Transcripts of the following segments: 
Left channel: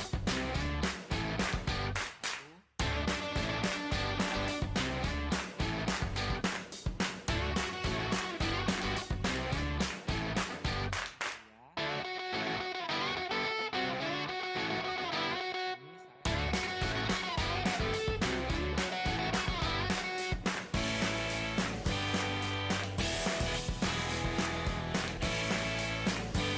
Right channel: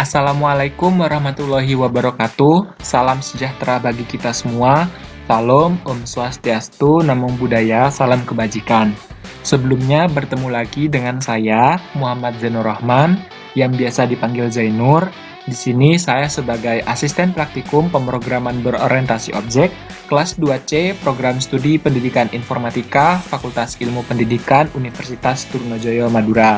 Assalamualaikum warahmatullahi wabarakatuh. Salam sejahtera bagi kita semua. Salam, Om Swastiastu, Namo Buddhaya, salam kebajikan. Sebelumnya bertemu lagi dengan saya, Muhammad Zainur Rahman, yang biasa dipanggil Zainur. Di sini saya sebagai asisten praktikum pemrograman berorientasi objek, kelas 2C, program studi pendidikan informatika, Fakultas Ilmu Pendidikan, Universitas Trunojoyo Madura.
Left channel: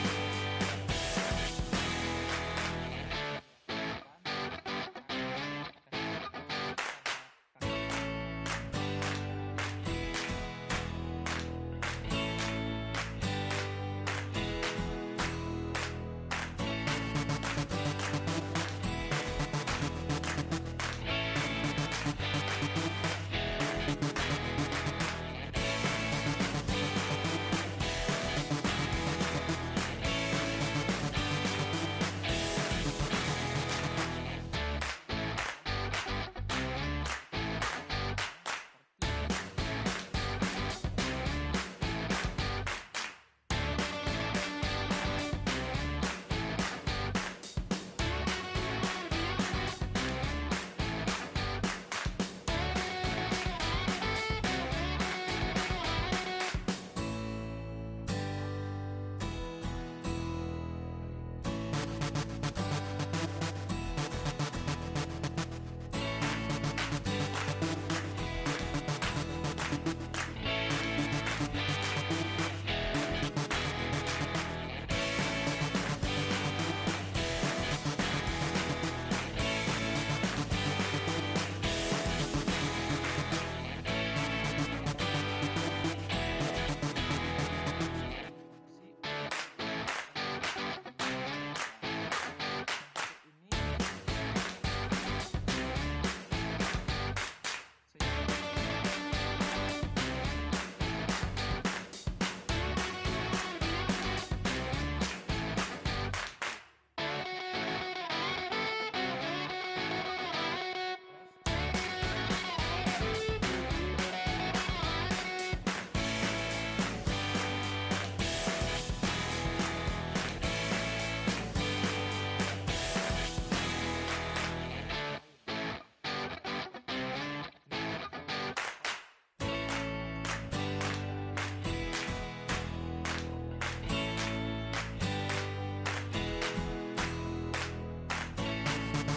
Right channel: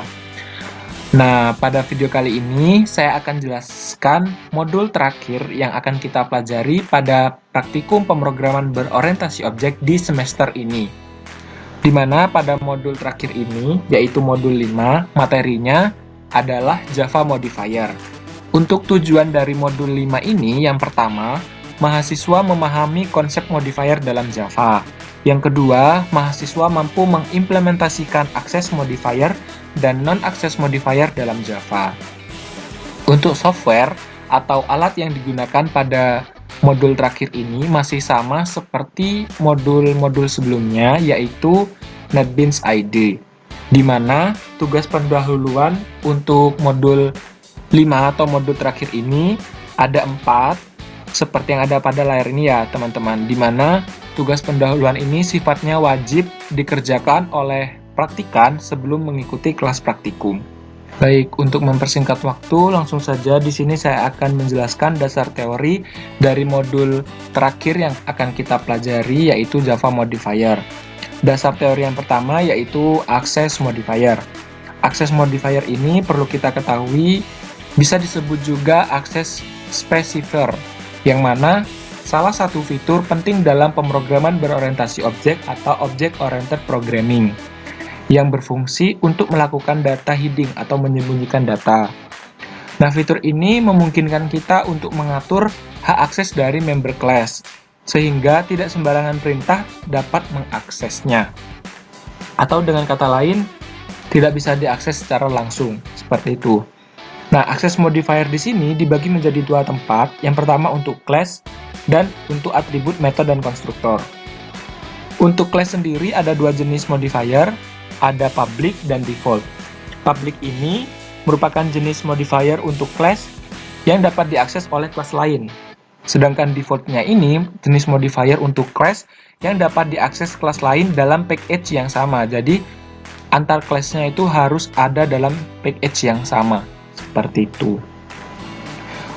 Nah, pada video kali ini saya akan jelaskan modul terakhir yang akan kita pelajari pada praktikum pemrograman berorientasi objek di semester ini. Di mana pada modul terakhir ini, yaitu modul 5, materinya adalah Java Modifier. Untuk tujuan dari modul 5 ini, yang pertama, mahasiswa memahami konsep modifier dalam Java. Yang kedua, mahasiswa mampu mengimplementasikan akses modifier dan non-akses modifier dalam Java. Untuk software atau alat yang digunakan pada modul terakhir ini masih sama seperti modul-modul sebelumnya, yaitu NetBeans IDE, di mana tugas pendahuluan untuk modul 5 atau modul terakhir ini ada 4, seperti yang ada pada layar ini ya teman-teman, di mana tugas pendahuluan ini sifatnya wajib dikerjakan oleh praktikan sebelum mengikuti kelas praktikum. Baik, untuk mempersingkat waktu, langsung saja di sini saya akan menjelaskan dasar teori dari modul terakhir yang akan kita pelajari, yaitu Java Modifier. Dasar teori yang pertama yaitu Access Modifier. Access Modifier ini perlu kita ketahui bisa disebut juga Access Specifier, yang mana salah satu fitur penting dalam pemrograman berorientasi objek atau Object-Oriented Programming yang berfungsi untuk melakukan data hiding atau menyembunyikan data. Nah, fitur ini memungkinkan kita untuk mengatur hak akses dari member class, sehingga tidak sembarangan perintah dapat mengaksesnya. Atau dengan kata lain, tidak bisa diakses secara langsung, seperti itu. Nah, akses modifier di sini dibagi menjadi dua tempat. Yang pertama untuk class dan untuk atribut, metode, dan konstruktor. Untuk class sendiri ada dua jenis modifier, ada public dan default. Public ini merupakan jenis modifier untuk class yang dapat diakses oleh kelas lain. Sedangkan defaultnya ini jenis modifier untuk class yang dapat diakses kelas lain dalam package yang sama. Jadi antar kelasnya itu harus ada dalam package yang sama. Seperti itu.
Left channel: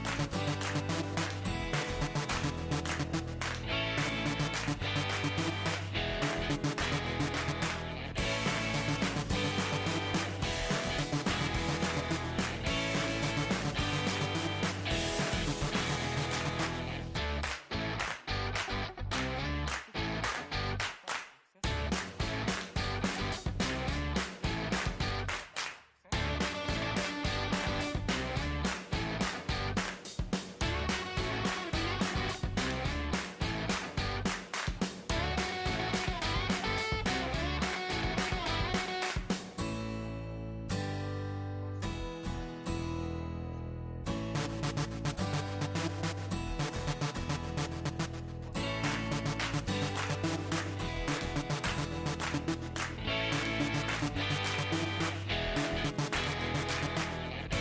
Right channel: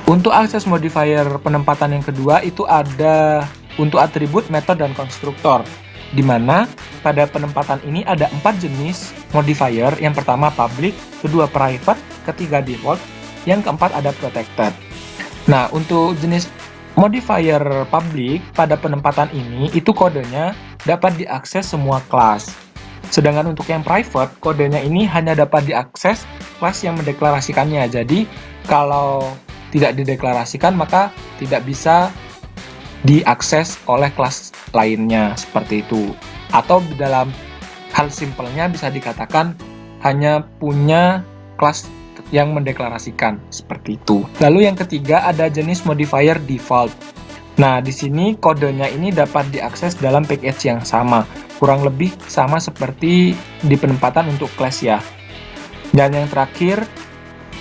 Untuk akses modifier penempatan yang kedua itu ada untuk atribut, metode, dan konstruktor, di mana pada penempatan ini ada 4 jenis modifier. Yang pertama public, kedua private, ketiga default, yang keempat ada protected. Nah, untuk jenis modifier public pada penempatan ini itu kodenya dapat diakses semua kelas. Sedangkan untuk yang private, kodenya ini hanya dapat diakses kelas yang mendeklarasikannya. Jadi, kalau tidak dideklarasikan maka tidak bisa diakses oleh kelas lainnya, seperti itu. Atau dalam hal simpelnya bisa dikatakan hanya punya kelas yang mendeklarasikan, seperti itu. Lalu yang ketiga ada jenis modifier default. Nah, di sini kodenya ini dapat diakses dalam package yang sama, kurang lebih sama seperti di penempatan untuk kelas ya. Dan yang terakhir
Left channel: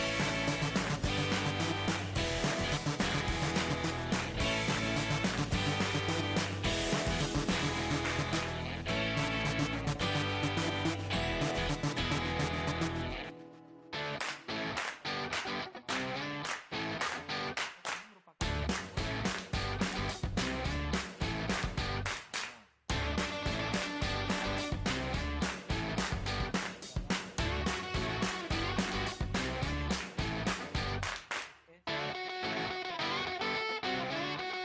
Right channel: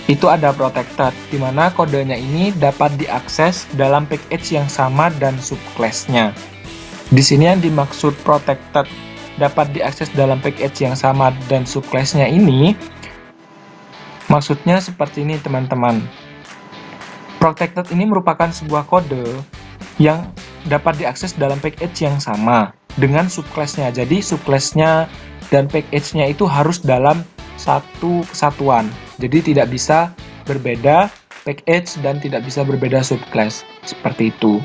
itu ada protected, di mana kodenya ini dapat diakses dalam package yang sama dan subclass-nya. Di sini yang dimaksud protected dapat diakses dalam package yang sama dan subclass-nya ini, maksudnya seperti ini teman-teman. Protected ini merupakan sebuah kode yang dapat diakses dalam package yang sama dengan subclass-nya. Jadi subclass-nya dan package-nya itu harus dalam satu kesatuan. Jadi tidak bisa berbeda package dan tidak bisa berbeda subclass, seperti itu.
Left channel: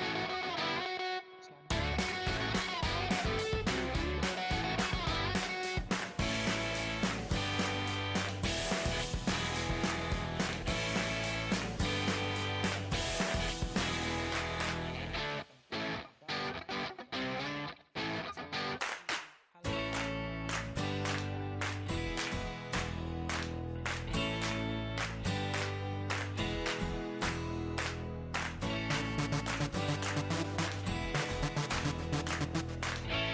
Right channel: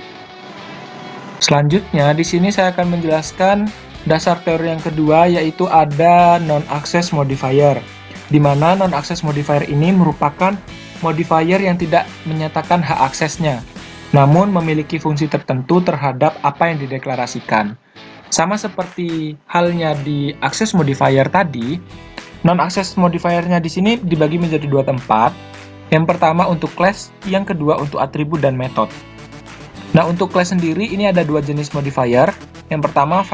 Selanjutnya di sini saya akan menjelaskan dasar teori yang kedua, yaitu ada non-access modifier, di mana non-access modifier ini merupakan modifier yang tidak menyatakan hak aksesnya, namun memiliki fungsi tertentu terhadap apa yang dideklarasikan. Sama seperti halnya di access modifier tadi, non-access modifiernya di sini dibagi menjadi dua tempat. Yang pertama untuk class, yang kedua untuk atribut dan metode. Nah, untuk class sendiri ini ada dua jenis modifier. Yang pertama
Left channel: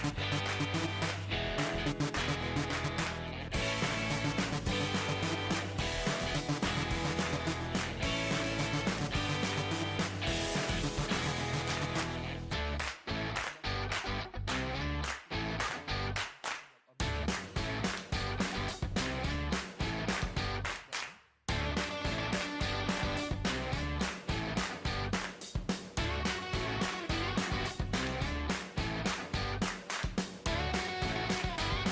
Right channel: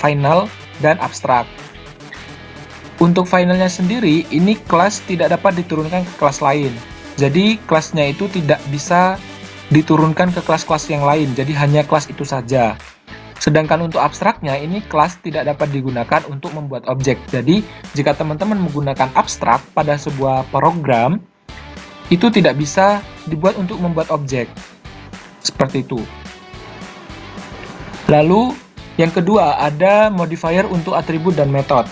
final dan abstract. Untuk finalnya sendiri, ini kelas tidak dapat diturunkan ke kelas lain. Jadi kelasnya itu tidak bisa diturunkan ke kelas-kelas yang lain, jadi hanya kelas itu saja. Sedangkan untuk abstraknya, ini kelas tidak dapat digunakan untuk membuat objek. Jadi, jika teman-teman menggunakan abstrak pada sebuah program, itu tidak bisa dibuat untuk membuat objek. Seperti itu. Lalu, yang kedua, ada modifier untuk atribut dan metode.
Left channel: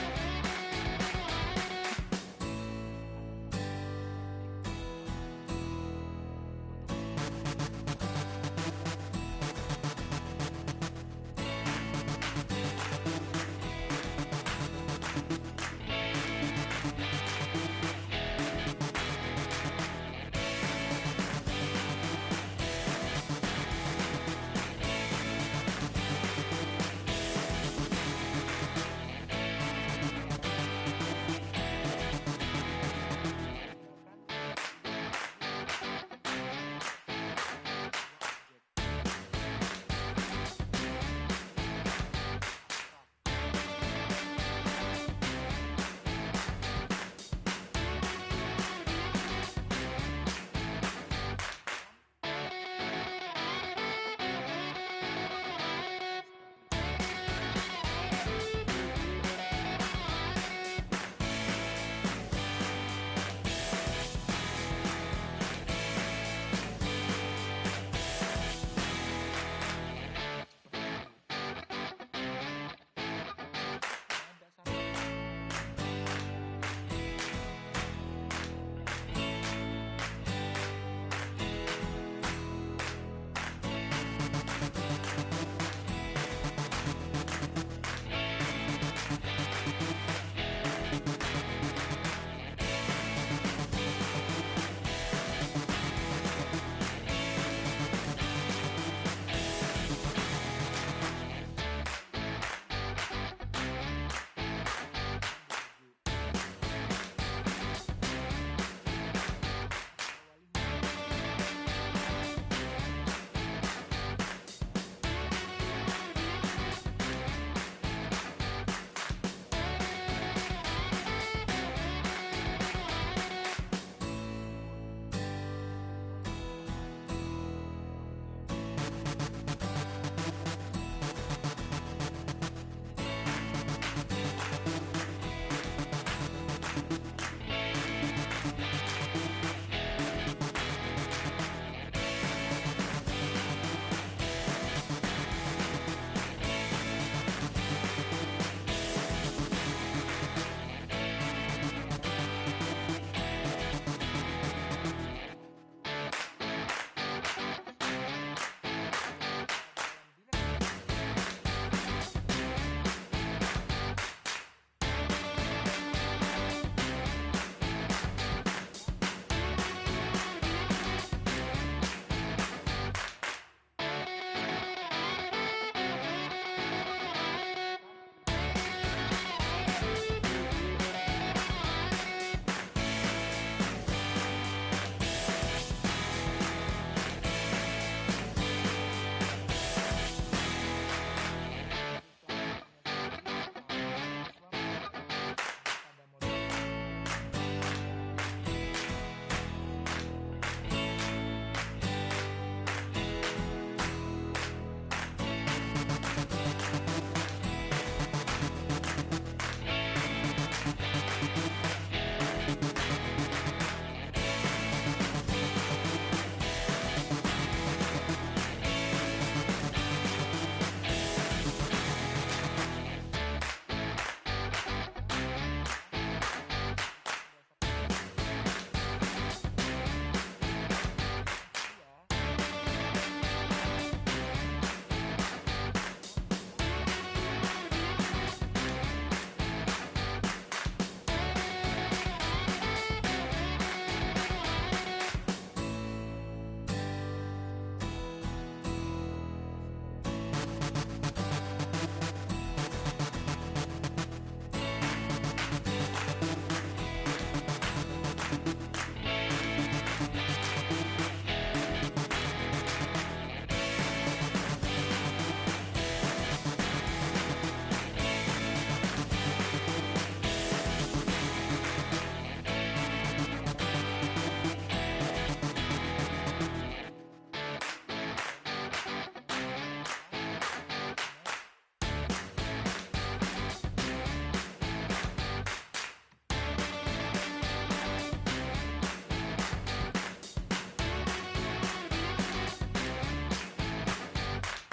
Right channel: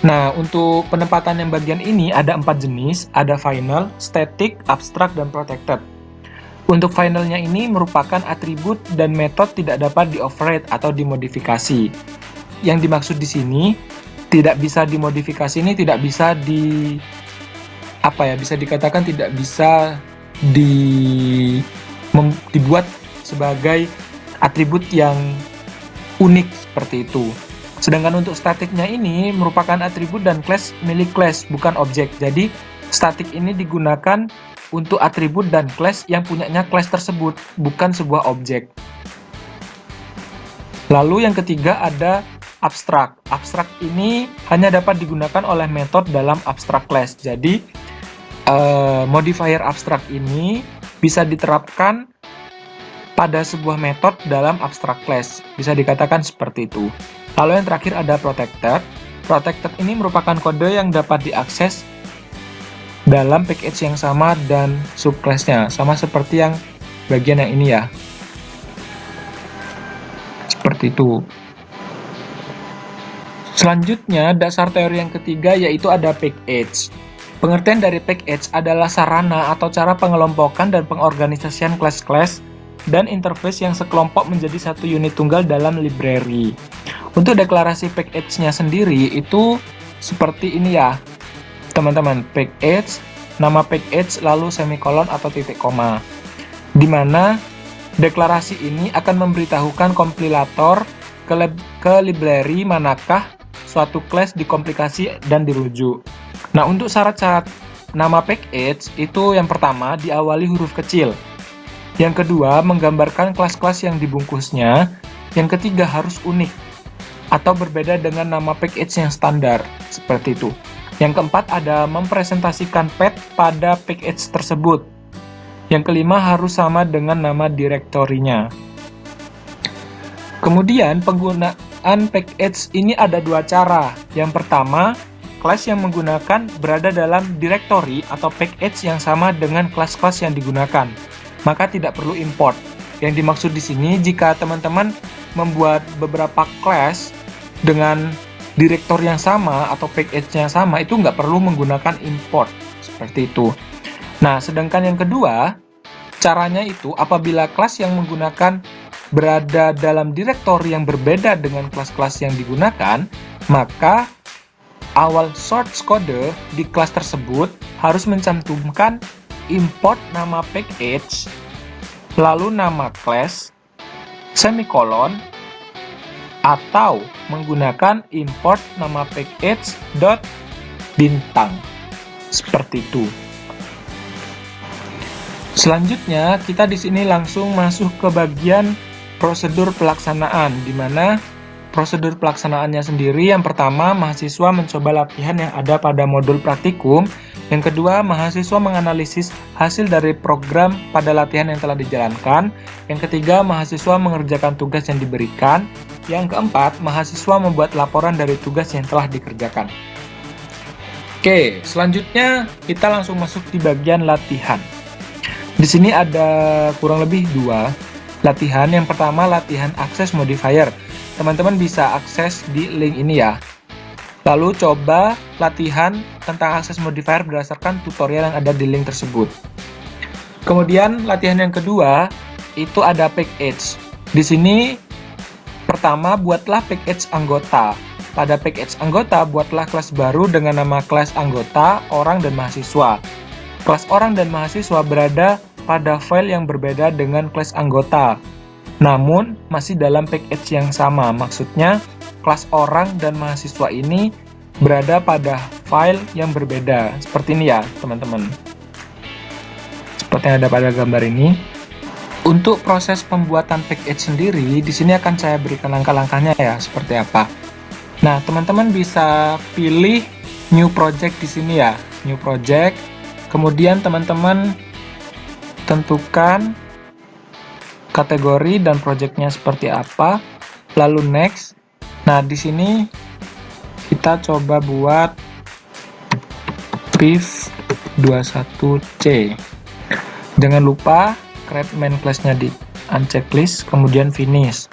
Nah, untuk penempatan yang bagian ini ada 4 jenis, ada final, static, abstract, dan protected. Untuk finalnya ini merupakan atribut dan metode tidak dapat di-override atau dimodifikasi. Yang dimaksud di sini, tidak bisa dimodifikasi ini tidak bisa bisa dikatakan tidak bisa dibuat sebagai atribut yang unik seperti itu. Sedangkan untuk statiknya ini merupakan atribut dan class milik class, bukan objek. Jadi statik ini digunakan untuk atribut dan class yang punyanya class tersebut, bukan sebuah objek. Lalu yang ketiga ada abstrak. Abstrak ini hanya dapat digunakan oleh metode dalam abstrak class. Jadi modifier abstrak ini bisa diterapkan pada sebuah metode dalam abstrak class. Bisa dikatakan seperti itu. Lalu yang terakhir ada protected. Protected ini merupakan kode yang dapat diakses dalam package yang sama dan subclass-nya, sama seperti yang bagian yang ini ya. Seperti itu. Selanjutnya, dasar teori yang ketiga yaitu ada package. Pengertian dari package adalah sarana atau cara pengelompokan dan pengorganisasian kelas-kelas dan interface yang sekelompok menjadi satu unit tunggal dalam library. Untuk deklarasi package-nya sendiri itu seperti ini ya, teman-teman. Package, nama package, lalu semikolon atau titik koma. Di mana deklarasi ini akan memberitahukan kompilator ke library manakah suatu class dikomplikasi dan dirujuk. Nah, untuk syarat-syarat nama package itu yang pertama diawali huruf kecil. Yang kedua, menggambarkan kelas-kelas yang dibungkusnya. Yang ketiga, harus unik atau berbeda dengan nama package yang standar. Seperti itu. Yang keempat, ada mempresentasikan path pada package tersebut. Yang kelima, harus sama dengan nama direktorinya. Kemudian, penggunaan package ini ada dua cara. Yang pertama, kelas yang menggunakan berada dalam directory atau package yang sama dengan kelas-kelas yang digunakan. Maka tidak perlu import. Yang dimaksud di sini, jika teman-teman membuat beberapa kelas dengan direktor yang sama atau package yang sama, itu nggak perlu menggunakan import seperti itu. Nah, sedangkan yang kedua, caranya itu apabila kelas yang menggunakan berada dalam direktori yang berbeda dengan kelas-kelas yang digunakan, maka awal source code di kelas tersebut harus mencantumkan import nama package, lalu nama class, semikolon, atau menggunakan import nama package dot bintang. Seperti itu. Selanjutnya, kita di sini langsung masuk ke bagian prosedur pelaksanaan, di mana prosedur pelaksanaannya sendiri yang pertama, mahasiswa mencoba latihan yang ada pada modul praktikum. Yang kedua, mahasiswa menganalisis hasil dari program pada latihan yang telah dijalankan. Yang ketiga, mahasiswa mengerjakan tugas yang diberikan. Yang keempat, mahasiswa membuat laporan dari tugas yang telah dikerjakan. Oke, selanjutnya kita langsung masuk di bagian latihan. Di sini ada kurang lebih dua latihan. Yang pertama, latihan akses modifier. Teman-teman bisa akses di link ini ya. Lalu coba latihan tentang akses modifier berdasarkan tutorial yang ada di link tersebut. Kemudian latihan yang kedua itu ada package. Di sini pertama buatlah package anggota. Pada package anggota buatlah kelas baru dengan nama kelas anggota, orang dan mahasiswa. Kelas orang dan mahasiswa berada pada file yang berbeda dengan kelas anggota. Namun masih dalam package yang sama. Maksudnya kelas orang dan mahasiswa ini berada pada file yang berbeda. Seperti ini ya, teman-teman. Seperti yang ada pada gambar ini. Untuk proses pembuatan package sendiri, di sini akan saya berikan langkah-langkahnya ya, seperti apa. Nah, teman-teman bisa pilih new project di sini ya, new project. Kemudian teman-teman tentukan kategori dan projectnya seperti apa, lalu next. Nah, di sini kita coba buat priv21c. Jangan lupa create main class-nya di unchecklist, kemudian finish.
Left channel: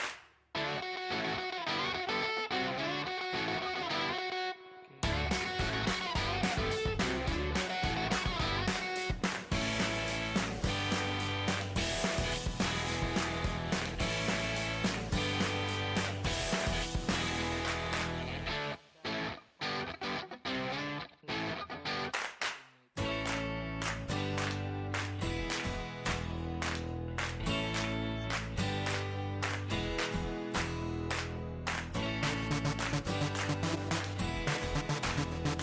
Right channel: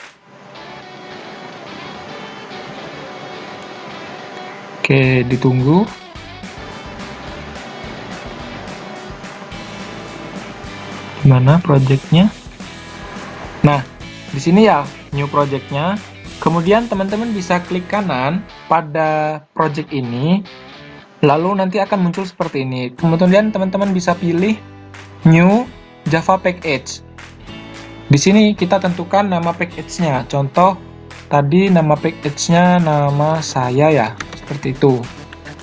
Oke, ditunggu. Mana projectnya? Nah, di sini ya new projectnya. Kemudian teman-teman bisa klik kanan pada project ini, lalu nanti akan muncul seperti ini. Kemudian teman-teman bisa pilih new Java package. Di sini kita tentukan nama package-nya. Contoh tadi nama package-nya nama saya ya, seperti itu.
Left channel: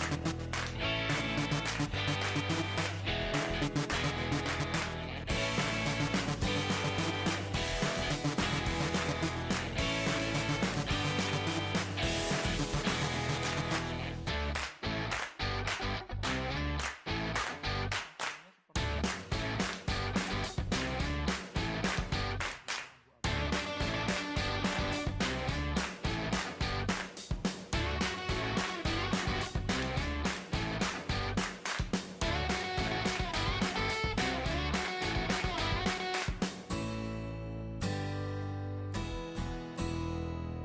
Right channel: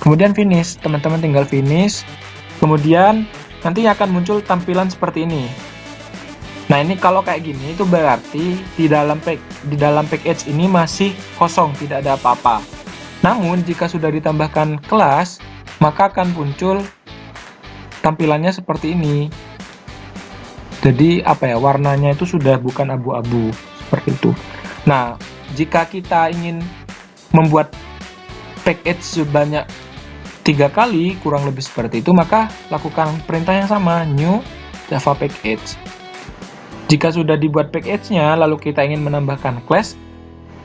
Kemudian finish, teman-teman tinggal finish. Kemudian nanti akan muncul tampilan seperti ini. Nah, ini kalau kayak gini itu berarti di dalam package ini masih kosong, tidak ada apa-apa. Namun jika sudah ditambahkan kelas, maka akan muncul tampilannya seperti ini. Jadi apa ya, warnanya itu sudah bukan abu-abu seperti itu. Nah, jika kita ingin membuat package sebanyak 3 kali, kurang lebih seperti itu, maka lakukan perintah yang sama, new Java package. Jika sudah dibuat package-nya, lalu kita ingin menambahkan class,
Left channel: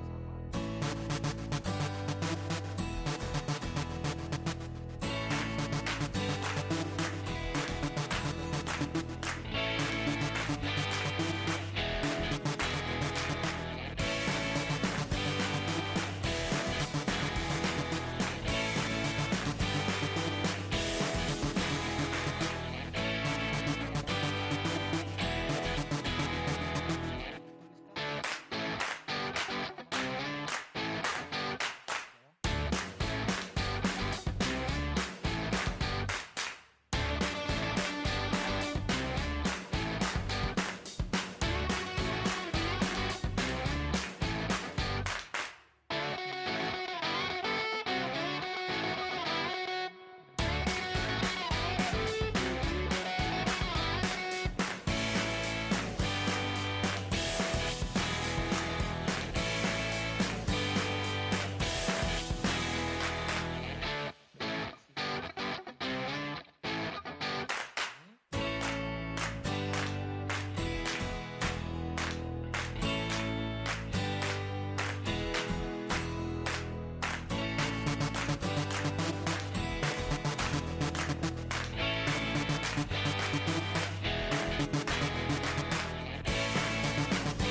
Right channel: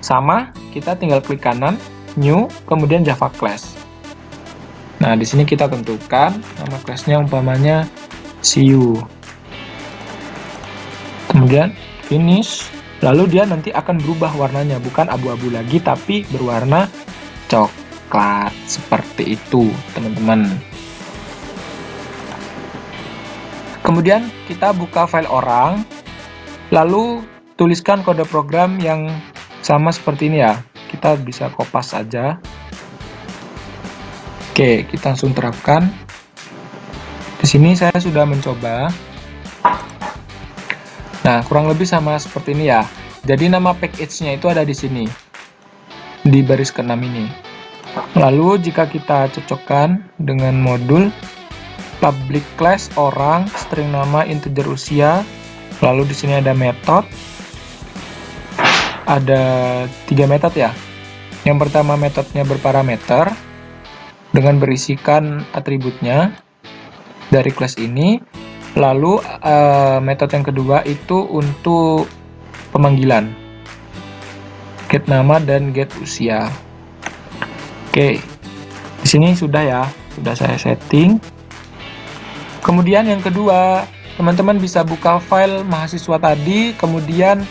sama, kita tinggal klik kanan, new, kemudian Java class. Nah, di sini kita tentukan nama class-nya umpamanya CU. Kemudian finish, lalu dia nanti akan berubah warnanya, bukan abu-abu lagi, tapi berwarna coklat. Seperti itu, teman-teman. Kemudian kita buka file orang, lalu tuliskan kode program yang sama seperti ini ya. Kita bisa kopas saja. Oke, kita langsung terapkan. Di sini saya sudah mencoba. Nah, kurang lebih sama seperti ini ya. Jadi nama package-nya itu ada di sini, di baris ke-6 ini. Lalu jika kita cocokkan dengan modul public class orang, string nama, integer usia, lalu di sini ada metode. Ada 3 metode ya. Yang pertama metodenya berparameter dengan berisikan atributnya dari kelas ini. Lalu metode yang kedua itu untuk pemanggilan, get nama dan get usia. Oke, di sini sudah ya, sudah saya setting. Kemudian yang kedua, teman-teman bisa buka file mahasiswa tadi, kemudian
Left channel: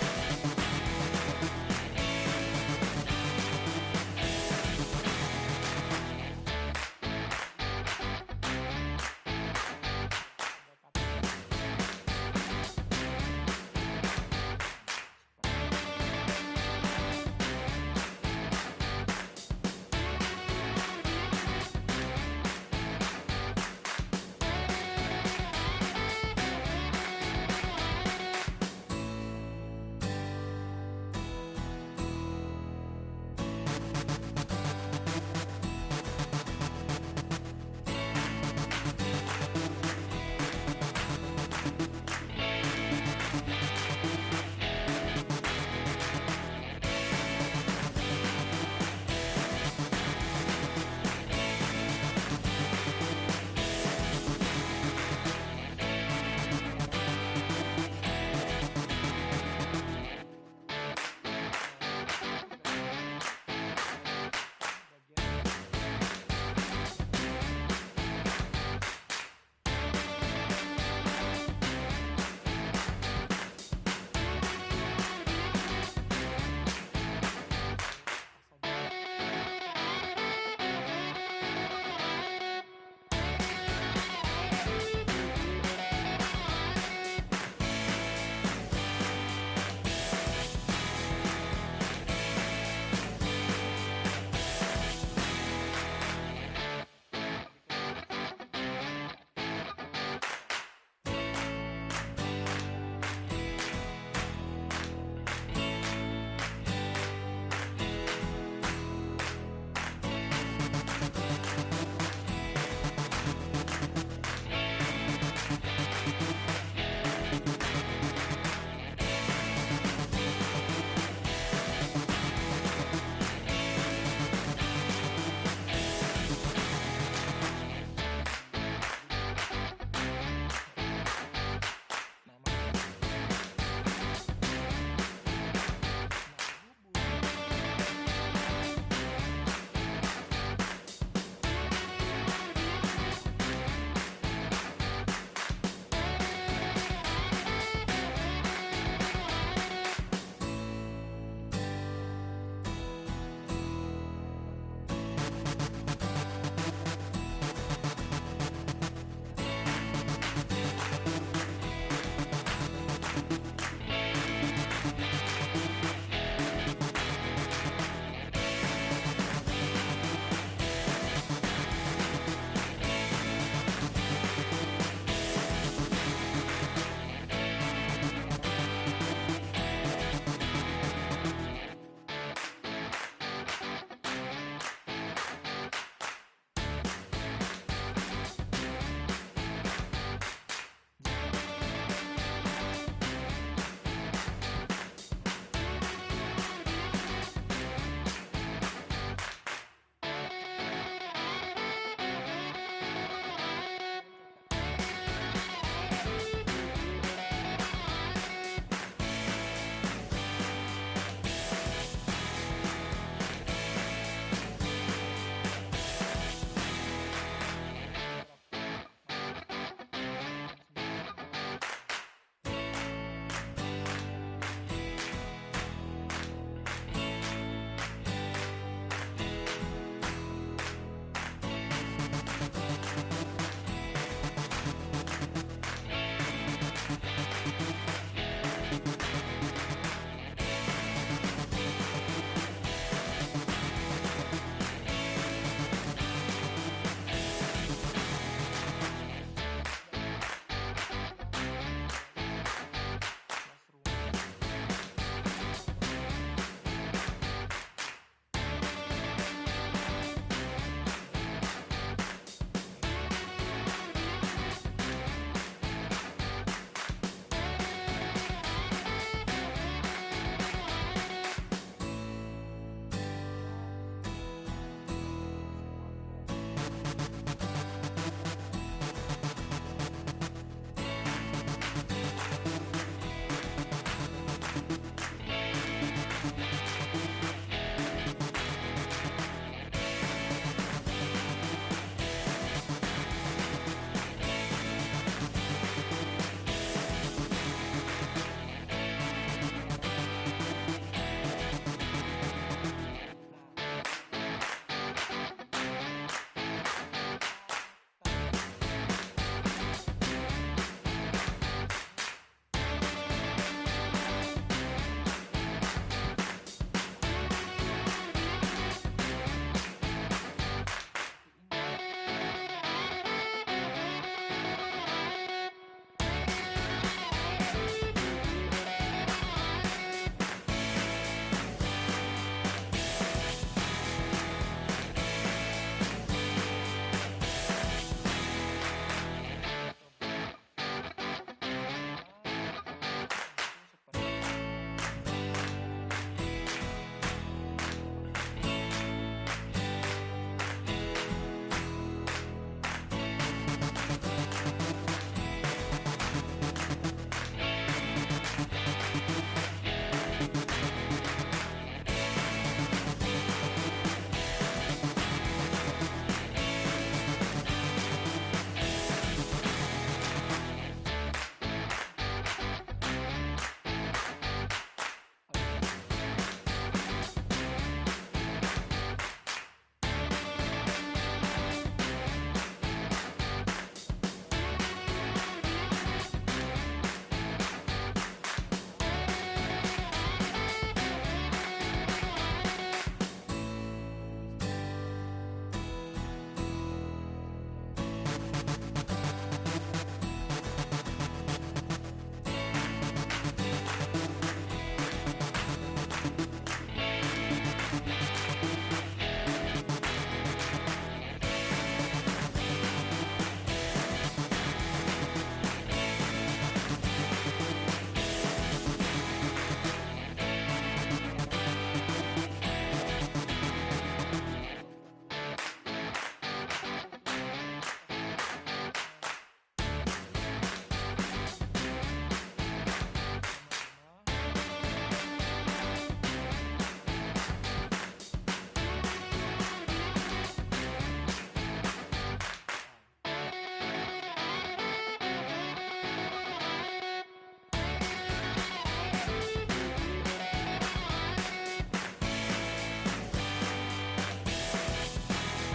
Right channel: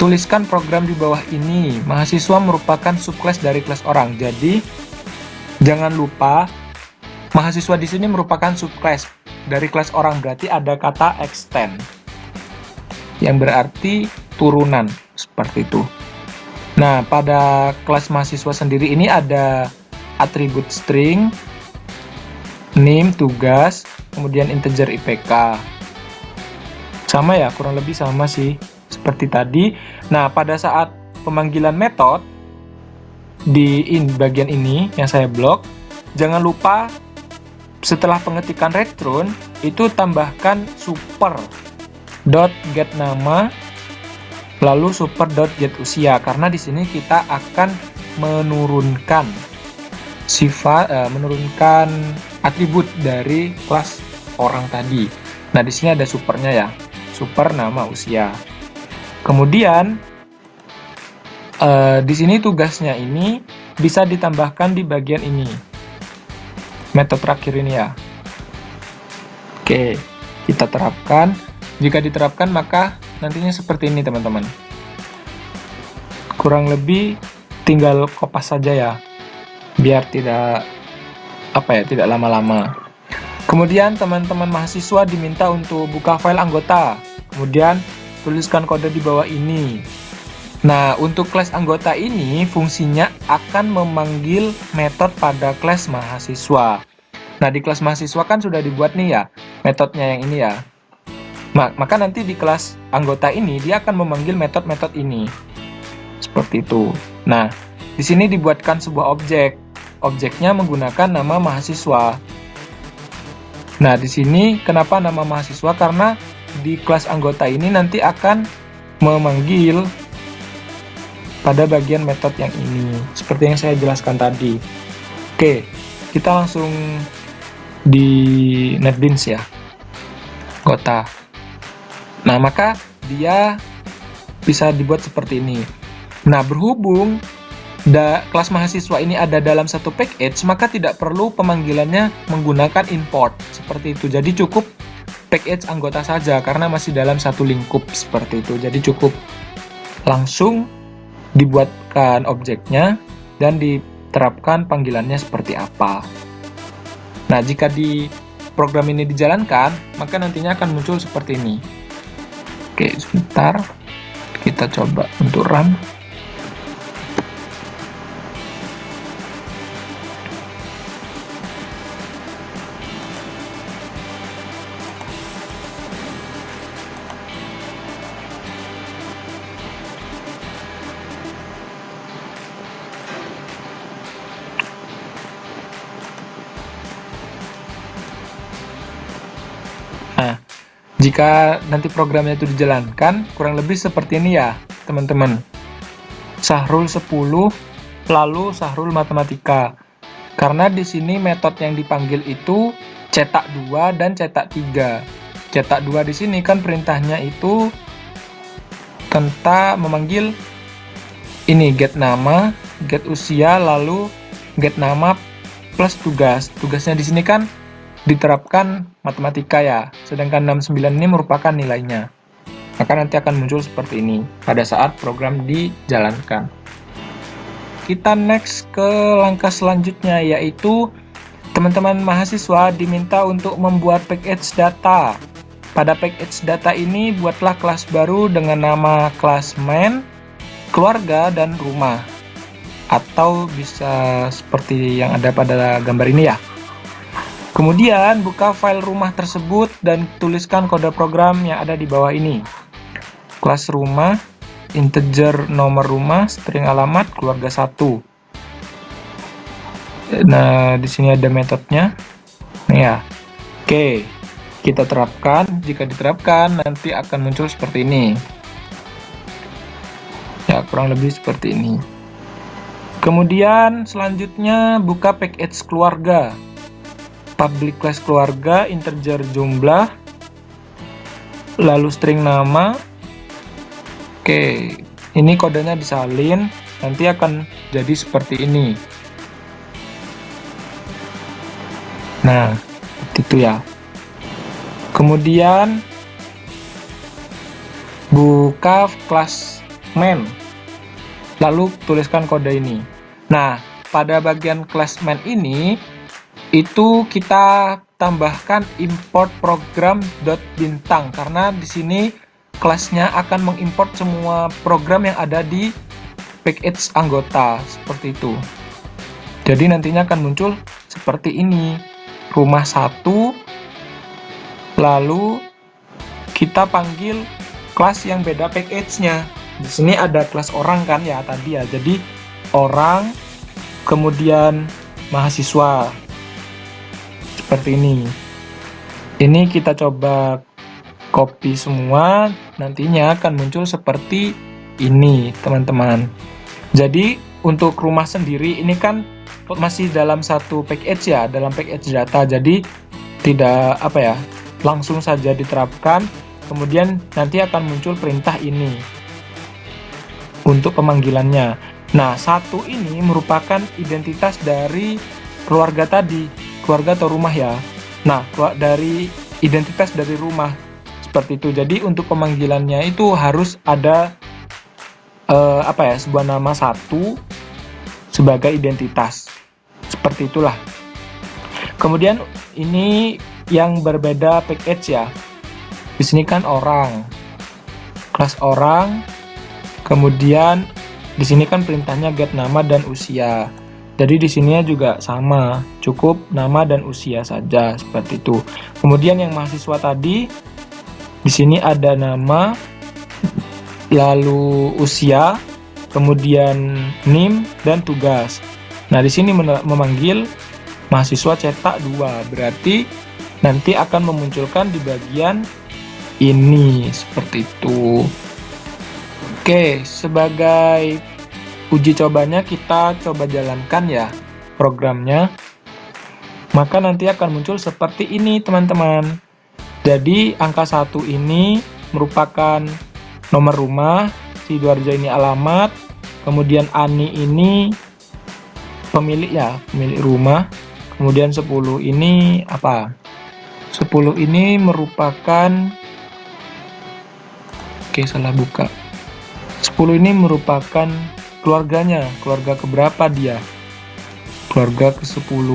tuliskan program di bawah ini. Mahasiswa merupakan subclass dari kelas orang. Jadi jangan lupa mahasiswa di sini merupakan subclass dari kelas orang, berarti ada kata extend yang berarti turunan seperti itu. Nah, pada kelas mahasiswa sendiri ini ada atribut string, name, tugas, kemudian integer IPK. Sama ya, kurang lebih sama sih seperti tadi. Nah, pada saat pemanggilan metode di bagian ini yang saya blok, jangan lupa setelah pengetikan return itu tambahkan super.getNama lalu super.getUsia, karena di sini kita akan menurunkan menurunkan atribut dari kelas orang tadi. Nah, di sini ada supernya ya, super nama usia. Kemudian di sini tugasnya ini bisa ditambahkan di bagian ini, metode terakhir ini ya. Oke, kita terapkan. Jika diterapkan maka nantinya seperti ini teman-teman. Kurang lebih tinggal kopas saja ya, biar tidak tidak lama-lama. Kemudian teman-teman mahasiswa diminta untuk buka file anggota, kemudian tuliskan kode di bawah ini. Nah, untuk kelas anggota ini fungsinya akan memanggil metode pada kelas mahasiswa. Nah, di kelas mahasiswa kan sudah dibuat nih ya metodenya yang ini ya. Maka nanti di kelas anggota ini dia akan memanggil metode-metode ini. Seperti itu. Nah, di sini dibuatkan sebuah objek. Objeknya menggunakan nama mahasiswa. Nah, di sini kenapa nama mahasiswa? Karena di kelas anggota ini nanti akan memanggil pada bagian metode yang ini, seperti yang saya jelaskan tadi. Oke, kita langsung di NetBeans ya, anggota. Nah, maka dia bisa dibuat seperti ini. Nah, berhubung kelas mahasiswa ini ada dalam satu package, maka tidak perlu pemanggilannya menggunakan import seperti itu. Jadi cukup package anggota saja karena masih dalam satu lingkup seperti itu. Jadi cukup langsung dibuatkan objeknya dan diterapkan panggilannya seperti apa. Nah, jika di program ini dijalankan, maka nantinya akan muncul seperti ini. Oke, sebentar. Kita coba untuk run. Nah, jika nanti programnya itu dijalankan, kurang lebih seperti ini ya, teman-teman. Sahrul 10, lalu Sahrul Matematika. Karena di sini metode yang dipanggil itu cetak 2 dan cetak 3. Cetak 2 di sini kan perintahnya itu tentang memanggil ini get nama, get usia, lalu get nama plus tugas. Tugasnya di sini kan diterapkan matematika ya, sedangkan 69 ini merupakan nilainya. Maka nanti akan muncul seperti ini pada saat program dijalankan. Kita next ke langkah selanjutnya, yaitu teman-teman mahasiswa diminta untuk membuat package data. Pada package data ini buatlah kelas baru dengan nama kelas main, keluarga, dan rumah. Atau bisa seperti yang ada pada gambar ini ya. Kemudian buka file rumah tersebut dan tuliskan kode program yang ada di bawah ini. Kelas rumah, integer nomor rumah, string alamat, keluarga 1. Nah, di sini ada metodenya. Nah, ya. Oke, kita terapkan. Jika diterapkan, nanti akan muncul seperti ini. Ya, kurang lebih seperti ini. Kemudian selanjutnya buka package keluarga. Public class keluarga, integer jumlah, lalu string nama. Oke, ini kodenya disalin, nanti akan jadi seperti ini. Nah, itu ya. Kemudian buka kelas main, lalu tuliskan kode ini. Nah, pada bagian kelas main ini itu kita tambahkan import program.bintang karena di sini kelasnya akan mengimport semua program yang ada di package anggota seperti itu. Jadi nantinya akan muncul seperti ini, rumah 1, lalu kita panggil kelas yang beda package-nya. Di sini ada kelas orang kan ya tadi ya, jadi orang, kemudian mahasiswa. Seperti ini. Ini kita coba copy semua, nantinya akan muncul seperti ini, teman-teman. Jadi untuk rumah sendiri ini kan masih dalam satu package ya, dalam package data. Jadi tidak langsung saja diterapkan. Kemudian nanti akan muncul perintah ini untuk pemanggilannya. Nah, 1 ini merupakan identitas dari keluarga tadi. Keluarga atau rumah ya. Nah, dari identitas dari rumah seperti itu. Jadi untuk pemanggilannya itu harus ada sebuah nama 1 sebagai identitas. Seperti itulah. Kemudian ini yang berbeda package ya. Di sini kan orang. Kelas orang. Kemudian di sini kan perintahnya get nama dan usia. Jadi di sini juga sama, cukup nama dan usia saja seperti itu. Kemudian yang mahasiswa tadi, di sini ada nama, lalu usia, kemudian NIM dan tugas. Nah, di sini memanggil mahasiswa cetak 2, berarti nanti akan memunculkan di bagian ini, seperti itu. Oke, sebagai uji cobanya kita coba jalankan ya programnya. Maka nanti akan muncul seperti ini, teman-teman. Jadi, angka 1 ini merupakan nomor rumah, Sidoarjo ini alamat, kemudian Ani ini pemilik ya, pemilik rumah. Kemudian 10 ini apa? 10 ini merupakan, oke salah buka. 10 ini merupakan keluarganya, keluarga keberapa dia? Keluarga ke-10.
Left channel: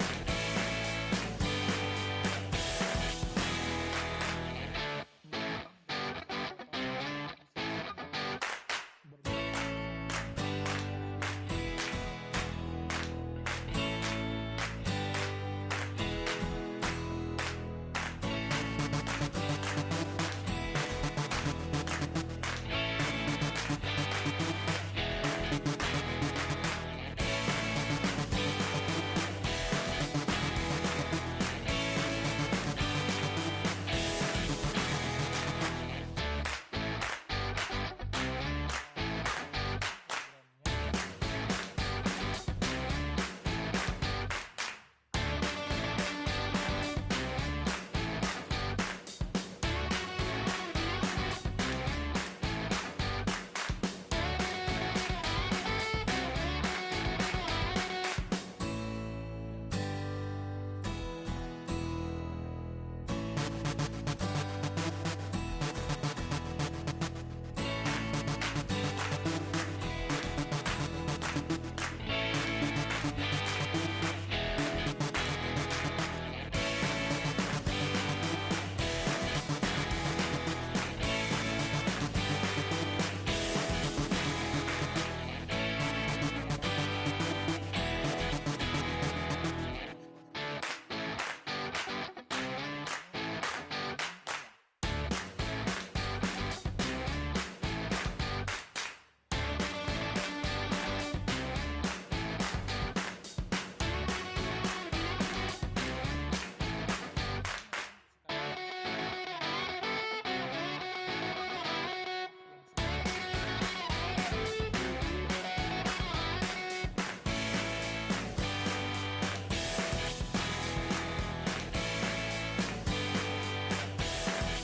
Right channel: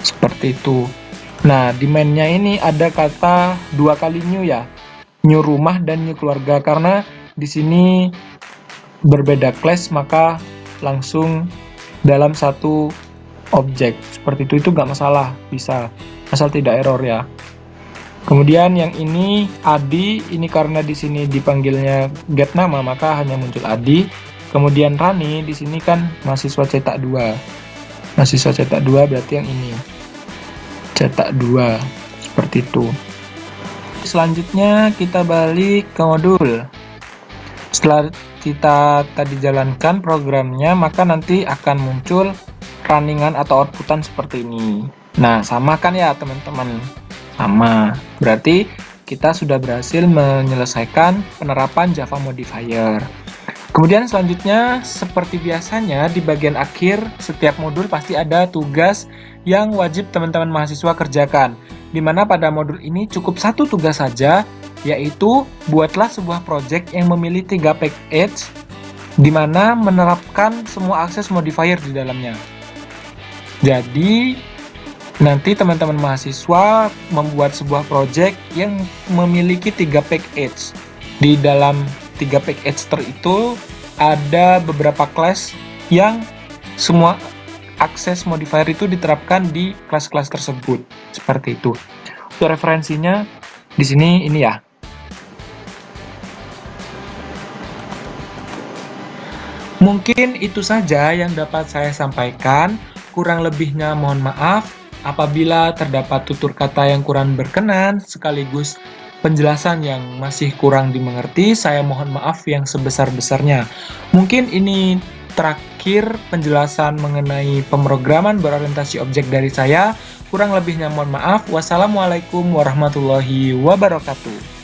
Seperti itu. Nah, di main-nya ini ada kata 2 kali new ya. New rumah dan new keluarga, karena di sini berbeda class maka langsung dalam satu objek. Seperti itu nggak masalah, bisa asal tidak error ya. Kemudian yang ini Adi, ini karena di sini dipanggilnya get nama maka hanya muncul Adi. Kemudian Rani di sini kan mahasiswa cetak 2. Mahasiswa cetak 2 berarti yang ini. Cetak 2. Seperti itu. Selanjutnya kita balik ke modul. Setelah kita tadi jalankan programnya, maka nanti akan muncul runningan atau outputan seperti ini. Nah, sama kan ya teman-teman? Sama. Berarti kita sudah berhasil menyelesaikan penerapan Java Modifier. Kemudian selanjutnya, seperti biasanya di bagian akhir setiap modul pasti ada tugas yang wajib teman-teman mahasiswa kerjakan. Di mana pada modul ini cukup satu tugas saja, yaitu buatlah sebuah project yang memiliki 3 package, di mana menerapkan semua akses modifier di dalamnya. Jadi, nanti teman-teman mahasiswa membuat sebuah project yang memiliki 3 package. Di dalam 3 package itu ada beberapa class yang semua akses modifier itu diterapkan di kelas-kelas tersebut. Seperti itu. Untuk referensinya di sini ini ya. Mungkin itu saja yang dapat saya sampaikan. Kurang lebihnya mohon maaf. Apabila terdapat tutur kata yang kurang berkenan, sekaligus penjelasan yang masih kurang dimengerti, saya mohon maaf yang sebesar-besarnya. Mungkin ini terakhir penjelasan mengenai pemrograman berorientasi objek dari saya. Kurang lebihnya mohon maaf. Wassalamualaikum warahmatullahi wabarakatuh.